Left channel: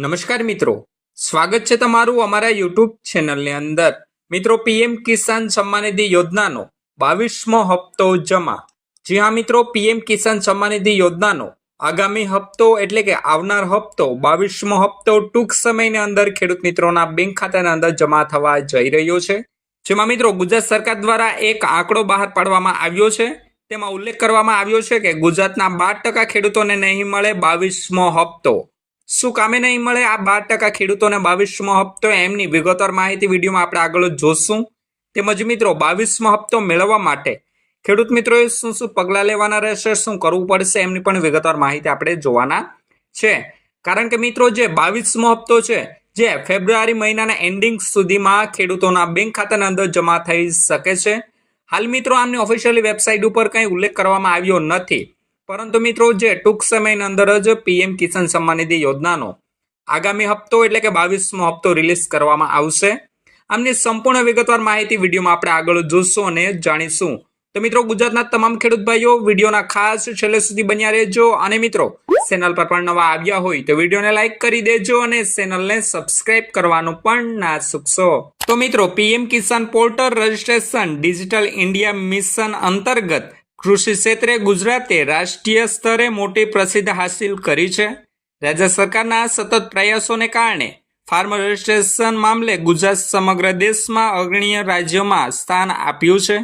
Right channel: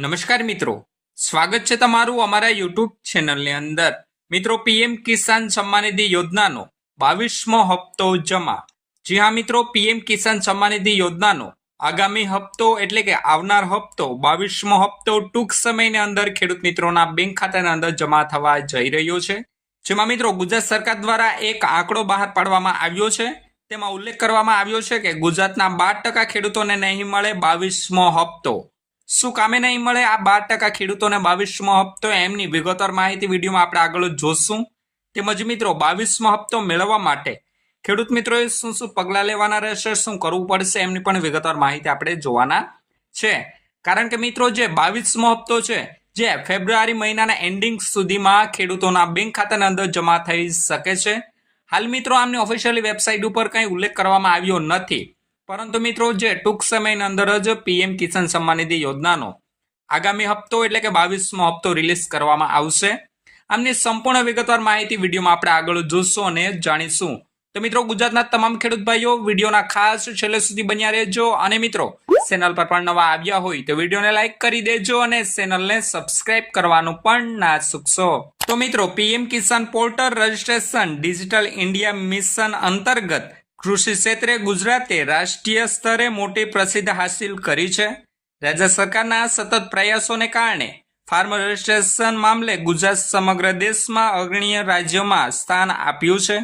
નમસ્કાર મિત્રો, સ્વાગત છે તમારું અમારા યુટ્યુબ ચેનલની અંદર। મિત્રો, પીએમ કિસાન સન્માન નિધિ યોજનાનો 22મો હપ્તો જમા। જી હા મિત્રો, પીએમ કિસાન સન્માન નિધિ યોજનાનો આગામી હપ્તો એટલે કે આવનાર હપ્તો 22મો હપ્તો ટૂંક સમયની અંદર ખેડૂત મિત્રોના બેંક ખાતાના અંદર જમા થવા જઈ રહ્યો છે। જેમાં મિત્રો ગુજરાત સરકાર દ્વારા એક આંકડો બહાર પાડવામાં આવ્યો છે। તેમાં ઉલ્લેખ કરવામાં આવ્યો છે કે ગુજરાતના 12% ખેડૂતોને નહીં મળે 22મો હપ્તો। શું કામે નહીં મળે આ 12% ખેડૂતોને 22મો હપ્તો, એમની વિગતવાર માહિતી વિડીયોમાં આપણે આગળ જોશું। તેમજ મિત્રો 22મો હપ્તો મેળવવા માટે ખેડૂત મિત્રોએ શું શું પગલાં લેવાના રહેશે, શું કરવું પડશે, એમની પણ વિગતવાર માહિતી આપણે જોવાના છે। કારણ કે મિત્રો જે 22મો હપ્તો છે જે ફેબ્રુઆરી મહિનાના એન્ડિંગ સુધીમાં ખેડૂતોના બેંક ખાતાના અંદર જમા થઈ શકે છે। હાલ મિત્રો આમની ઓફિશિયલી વેબસાઇટ ઉપર કંઈ ઉલ્લેખ કરવામાં આવ્યો નથી, પરંતુ મિત્રો જે ટૂંક સમયની અંદર જ પીએમ કિસાન સન્માન નિધિ યોજનાનો આગામી હપ્તો એટલે કે 22મો હપ્તો રિલીઝ કરવામાં આવશે। આમની સંપૂર્ણ વિગતવાર માહિતી વિડીયોમાં આપણે આગળ જોશું અને જાણીશું। તો મિત્રો ગુજરાતના તમામ ખેડૂત ભાઈઓ વિડીયોના ખાસ છેલ્લે સુધી બન્યા રહેજો। અને મિત્રો ચેનલ પર પણ નવા આવ્યા હોય તો વિડીયોને લાઇક કરી દેજો અને ચેનલને સબસ્ક્રાઇબ કરવાનું પણ ના ચૂકશો। તો મિત્રો PM Kisan portal registration digital India mission અંતર્ગત કૃષિ ક્ષેત્રે ગુજરાતે રાષ્ટ્રીય સ્તરે મોટી પ્રસિદ્ધિ હાંસિલ કરી છે। રાજ્ય સરકારના સતત પ્રયાસોને કારણે ફાર્મર રજિસ્ટ્રેશન મામલે ગુજરાત સમગ્ર દેશમાં અગ્રણીય રાજ્યોમાં સ્થાન આપ્યું છે,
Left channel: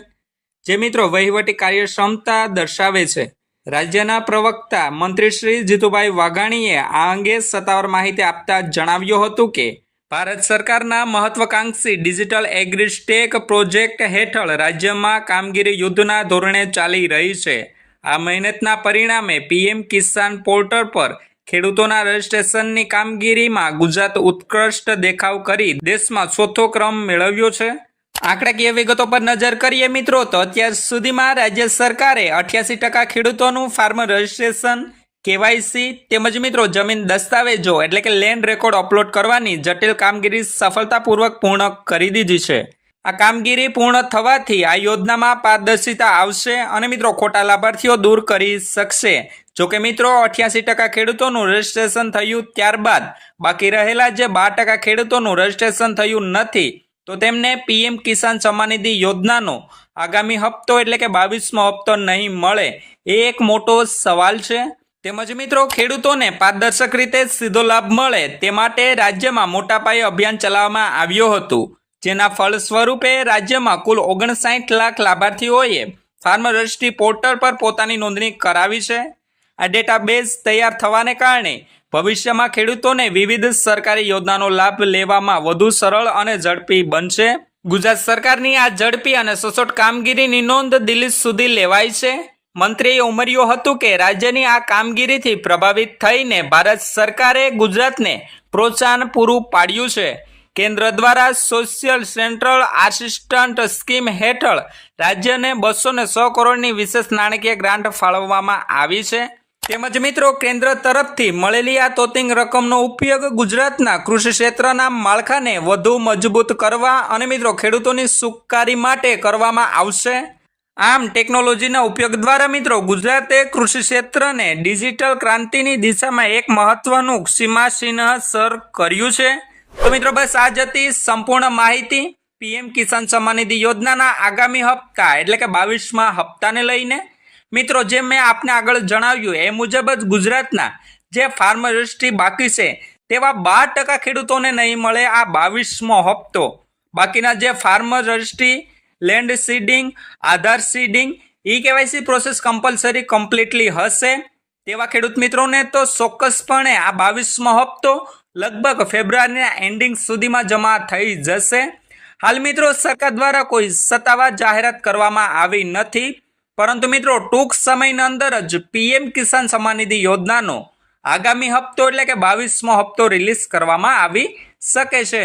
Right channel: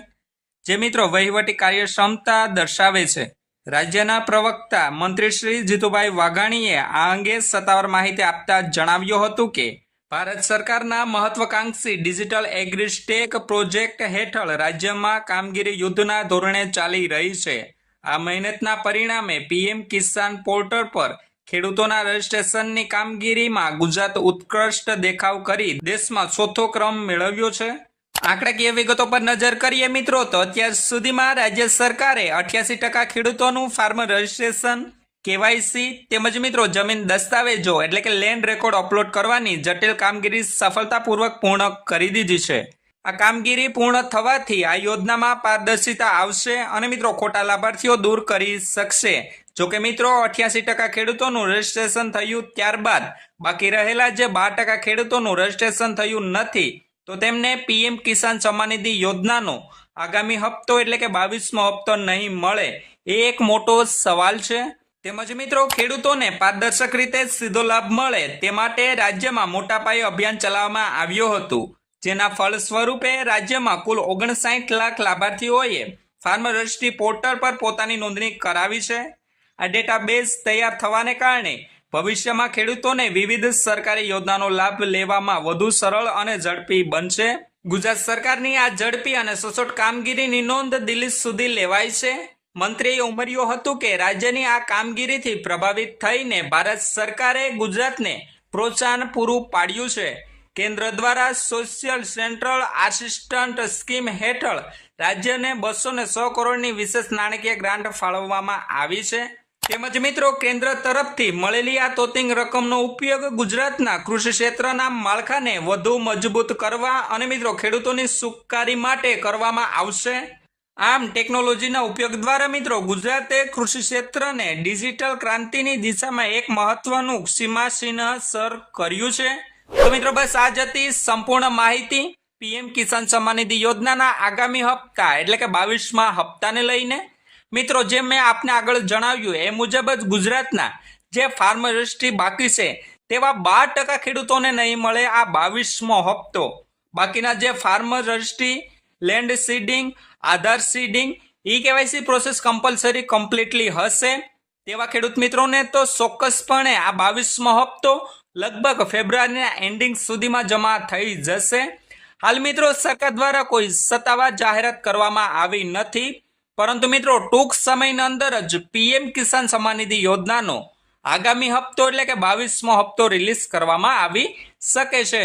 જે મિત્રો વહીવટી કાર્યક્ષમતા દર્શાવે છે। રાજ્યના પ્રવક્તા મંત્રી શ્રી જીતુભાઈ વાઘાણીએ આ અંગે સત્તાવાર માહિતી આપતા જણાવ્યું હતું કે ભારત સરકારના મહત્વાકાંક્ષી ડિજિટલ એગ્રીસ્ટેક પ્રોજેક્ટ હેઠળ રાજ્યમાં કામગીરી યુદ્ધના ધોરણે ચાલી રહી છે। આ મહેનતના પરિણામે પીએમ કિસાન પોર્ટલ પર ખેડૂતોના રજિસ્ટ્રેશનની કામગીરીમાં ગુજરાત ઉત્કૃષ્ટ દેખાવ કરી દેશમાં ચોથો ક્રમ મેળવ્યો છે। આંકડાકીય વિગતો પર નજર કરીએ મિત્રો તો અત્યાર સુધીમાં રાજ્ય સરકારે 88% ખેડૂતોનું ફાર્મર રજિસ્ટ્રેશન, કેવાયસી તેમજ મિત્રો જમીન દસ્તાવેજો એટલે કે લેન્ડ રેકોર્ડ અપલોડ કરવાની જટિલ કામગીરી સફળતાપૂર્વક પૂર્ણ કરી દીધી છે। આ કામગીરી પૂર્ણ થવાથી આ યોજનામાં પારદર્શિતા આવશે અને મિત્રો ખોટા લાભાર્થીઓ દૂર કરી શકશે। જોકે મિત્રો 88% ખેડૂતોનું રજિસ્ટ્રેશન થયું ત્યારબાદ બાકી રહેલા જે 12% ખેડૂતોનું રજિસ્ટ્રેશન થયું નથી, તો તેમને પીએમ કિસાન સન્માન નિધિ યોજનાનો આગામી હપ્તો એટલે કે 22મો હપ્તો નહીં મળે એ એક મોટો સવાલ છે। તેમજ મિત્રો ખેડૂતોને પારદર્શક રીતે સીધો લાભ મળે તે માટે રાજ્યમાં મોટા પાયે અભિયાન ચલાવવામાં આવ્યું હતું, જેના ફળ સ્વરૂપે રાજ્યમાં કુલ 59 લાખ લાભાર્થીઓએ ફાર્મર રજિસ્ટ્રી પોર્ટલ પર પોતાની નોંધણી કરાવી છે। આ ડેટાબેઝ તૈયાર થવાને કારણે ભવિષ્યમાં ખેડૂતોને વિવિધ સરકારી યોજનાનો લાભ લેવામાં વધુ સરળ અને ઝડપી બનશે। ગુજરાત સરકારની આ ઝડપી અને સચોટ કામગીરીની નોંધ દિલ્હી સુધી લેવાય છે। મંત્રીએ ઉમેર્યું હતું કે રાજ્યની આ કામગીરીથી પ્રભાવિત થઈને ભારત સરકારે ગુજરાતને પ્રોત્સાહન પૂરું પાડ્યું છે। કેન્દ્ર દ્વારા સોશિયલ સેન્ટ્રલ આસિસ્ટન્ટ સ્કીમ હેઠળ રાજ્યને 206 કરોડની વિશેષ નાણાકીય ગ્રાન્ટ ફાળવવામાં આવી છે। તેમજ મિત્રો કેન્દ્ર તરફથી મળેલી આ તોતિંગ રકમનો ઉપયોગ ગુજરાતના કૃષિ ક્ષેત્રના માળખાને વધુ મજબૂત કરવા અને મિત્રો ખેડૂતોની સુખાકારી માટે કરવામાં આવશે। આમ ટેકનોલોજીના ઉપયોગ દ્વારા મિત્રો ગુજરાતે કૃષિ ક્ષેત્રને ડિજિટલ ક્રાંતિની દિશામાં એક મહત્વનું સીમાચિહ્ન સર કર્યું છે। તો મિત્રો બસ આ જ હતી સંપૂર્ણ માહિતી પીએમ કિસાન સન્માન નિધિ યોજનાના આગામી હપ્તા એટલે કે 22મા હપ્તાને લઈને। મિત્રો જેમ મેં આપને આગળ જણાવ્યું એ મુજબ જ ગુજરાતના જે ફાર્મર રજિસ્ટ્રી બાકી છે તેવા 12% ખેડૂતોને નહીં મળે આ 22મો હપ્તો। બાકીના જે ફાર્મર રજિસ્ટ્રી, લેન્ડ સીડિંગ, આધાર seeding, e KYC process compulsory completely હશે તેવા ખેડૂત મિત્રોને તો ચોક્કસપણે આ 22મો હપ્તો લગભગ ફેબ્રુઆરીના એન્ડિંગ સુધીમાં જમા થઈ જશે। હાલ મિત્રો સરકાર દ્વારા કોઈ સત્તાવાર જાહેરાત કરવામાં આવી નથી, પરંતુ મિત્રો ટૂંક સમયની અંદર જ પીએમ કિસાન સન્માન નિધિ યોજનાનો આગામી હપ્તો એટલે કે 22મો હપ્તો રિલીઝ કરવામાં આવી શકે છે।